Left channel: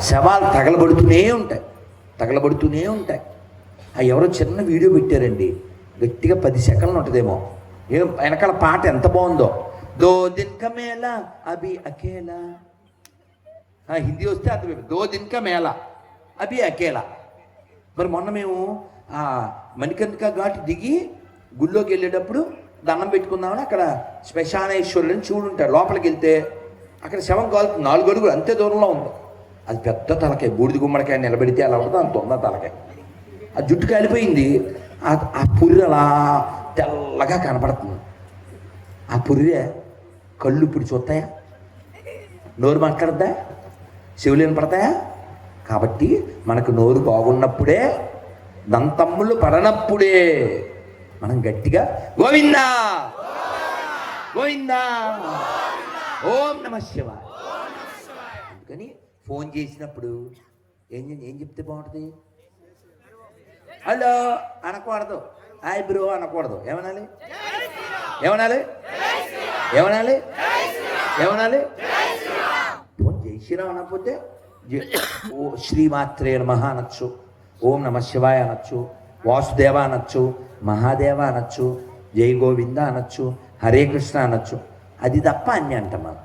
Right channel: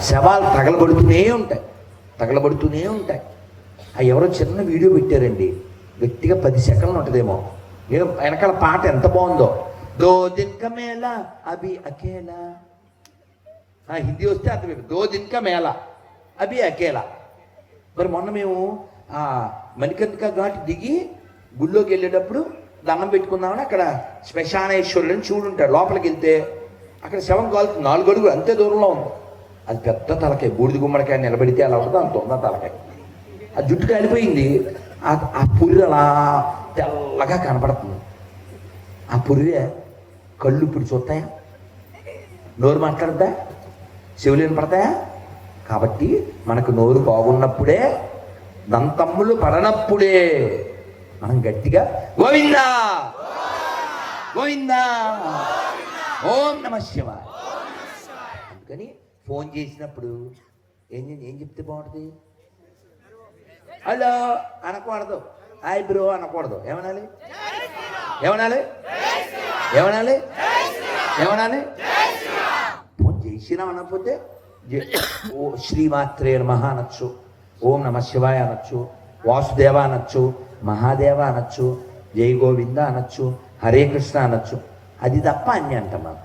శవాలు తగలబడుతూనే ఉంటాయి. తగలబడుతూనే ఉంటాయి. అవి ఎవరో చిన్న వీడియో పెట్టారండి. గట్టిగా పది సెకండ్లు ఉంటుందేమో. ఏదో వెనకాల పాట ఎంత బాగుందో. దో దిన్క మేళ మేళా అభి అకేలా ఆ, హిందీ వస్తే అర్థం దో దిన్క మేళ మేళా అభి అకేలా మరి మొన్న మేము ఆ ఘాట్ దిగి గుళ్ళోకి వెళ్ళేటప్పుడు దండం పెట్టుకుందామని అక్కడ శ్మశానేశ్వరుని చూడుంటాడు లోపలికి వెళ్తే అక్కడ శవం కాలు నాలుగు అడుగులు అంతే దూరంలో ఉంది. అది పెద్ద తలకాయ బూడిద గుమ్మడికాయ నిలబెడితే అలా ఉంటుంది అంత ఉన్న తలకాయ? ఆ జుట్టు కాలిపోయింది. ఆ పురి అలా తెల్లగా కనపడుతుంది. ఆ పుర్రె కళ్ళు ఇప్పుడు చూస్తాయా? నోరు మాట్లాడద్దా? శివులేని పడతాయా కాబట్టి మనకు నోరు బాగున్నప్పుడే దంతమ్ములు పడనప్పుడే మనం గట్టిగా గోవిందా! గోవిందా! ఓం నమ శివ అందుకని ఫోన్ చేసినప్పుడు ఏం ఏం చెప్తే బాగుంటుంది? హలో అనకూడదు. హాయ్ బ్రో అనకూడదు. ఏమనాలి? ఏమనాలి? ఏమనాలి? ఏమనాలి? ఫోన్ జై అనకపోతే ఓ శ్రీమాత్రే నమః అనొచ్చు. ఓం నమ శివాయ అనొచ్చు. వాసుదేవ అనొచ్చు. మహాదేవ అనొచ్చు. జై గోవింద అనొచ్చు. హరే కృష్ణ అనొచ్చు. అది తప్ప అన్ని అంటాం మనం.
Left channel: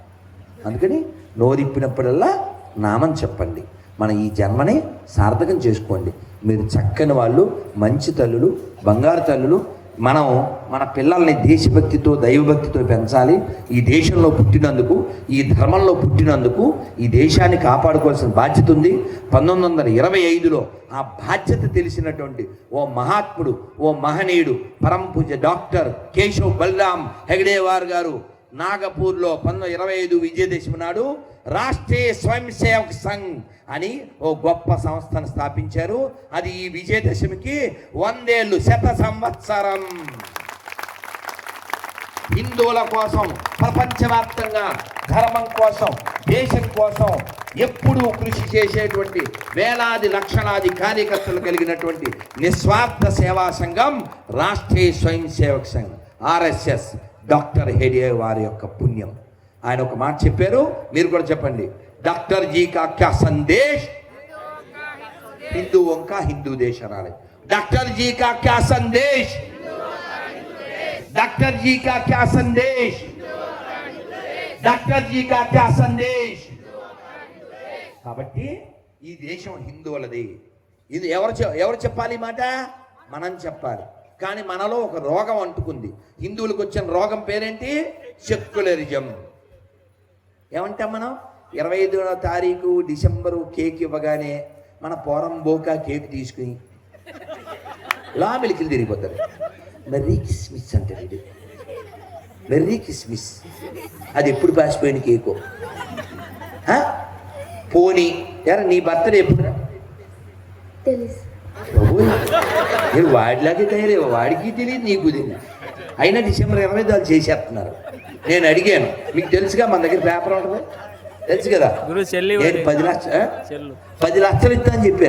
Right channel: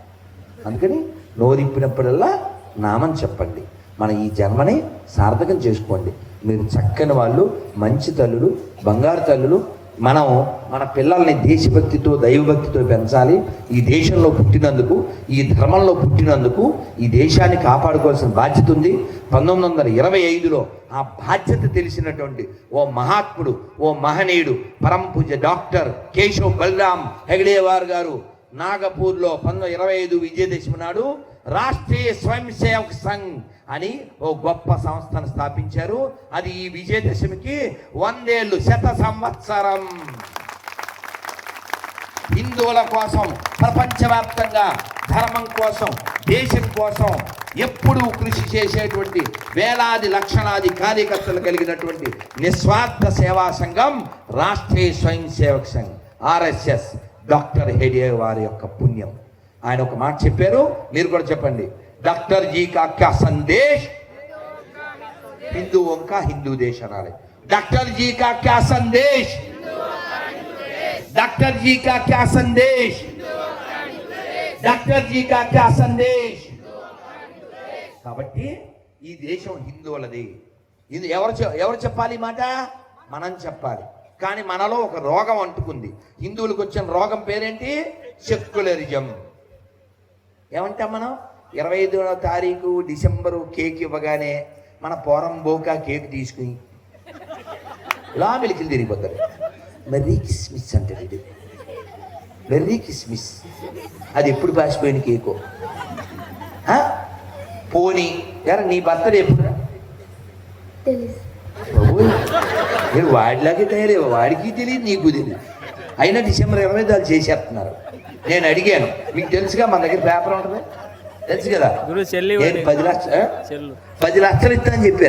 అందుకని నోరిప్పినప్పుడల్లా నామం చెప్పండి. మన ఈ జన్మని సార్థకం చేసుకోండి. మీరు చక్కని వాళ్ళు మంచి తల్లులు బంగారు తల్లులు. మనం మన పిల్లల్ని దేశభక్తితో దైవభక్తితో పెంచాలి. ఈ దేశంలో పుట్టినందుకు ఈ ధర్మంలో పుట్టినందుకు ఈ దేశాన్ని కాపాడుకోవాల్సిన బాధ్యత ఉంది. పంతొమ్మిది వందల ఇరవై ఐదులో ఆ బాధ్యత తెలిసినటువంటి ఓ మహాత్ముడు ఓ మహనీయుడు పరమ పూజ డాక్టర్ కేశవ్ బలరాం హెగడేవార్ గారు నాగపూర్లో పంతొమ్మిది ఇరవై ఐదు విజయదశమి నాడు రాష్ట్రీయ స్వయం సేవక్ సంఘ్ అని ఓ గొప్ప సంస్థను స్థాపించారు. అది ఈ విజయదశమికి వందేళ్ళు శత సంవత్సరం. హిందువుల కోసం ప్రపంచవ్యాప్తంగా ధర్మం కోసం దేశం కోసం ఎప్పుడూ కృషి చేసేటువంటి వేలాది లక్షలాది కార్యకర్తలు కలిగినటువంటి నిస్వార్థ సేవా సంఘం రాష్ట్రీయ స్వయం సేవక్ సంఘ్ ఆర్ఎస్ఎస్ డాక్టర్ హెడియే వారి యొక్క పుణ్యం. ఆయన ఒక మాట చెప్పారు మీరు కూడా చెప్పండి డాక్టర్ జీ కా క్యా సందేశ్ हिंदुओं का हिंदू देश अनारे डॉक्टर जी का क्या संदेश डॉक्टर जी का क्या संदेश డాక్టర్ జీ కా క్యా సందేశ్ కాబట్టి ఈ దేశం హిందువులది ఇది ఎవరు చె- ఎవరు చెప్పాలి ఈ మాట మనం చెప్పాలి కానీ మనలో ఒక రోగం అంటుకుంది హిందువులకు వచ్చిన రోగం పేరేంటి సెక్యులరిజం ఏమంటాం మనం? ఇరవై ఐదో తారీఖు డిసెంబరు కేక్ ఇవ్వగానే మన పోరం బోకా కేక్ తీసుకుని ఇలా మెలికలు తిరిగిపోతారు. మెర్రీ కిస్మిస్ అంటారు ఇది. మెర్రీ కిస్మిస్. అది ఎప్పుడు పాసిపోయిన కేకో? పోనీ. ఎరా నీ బర్త్డే ఎప్పుడు వాడిలాగే తయారయ్యా వాడికి తెలియదు నీకు తెలియదు. అయినా డిసెంబర్ ఇరవై వాళ్ళు చేసేస్తున్నారు నేను అడిగాను. మీకు తెలుసుగా మన దగ్గర పేపర్ ఉంటుంది? తెలుసు కదా? పది లక్ష ఆ? చెల్లు. పది లక్షలు ఇస్తా అని చెప్పాను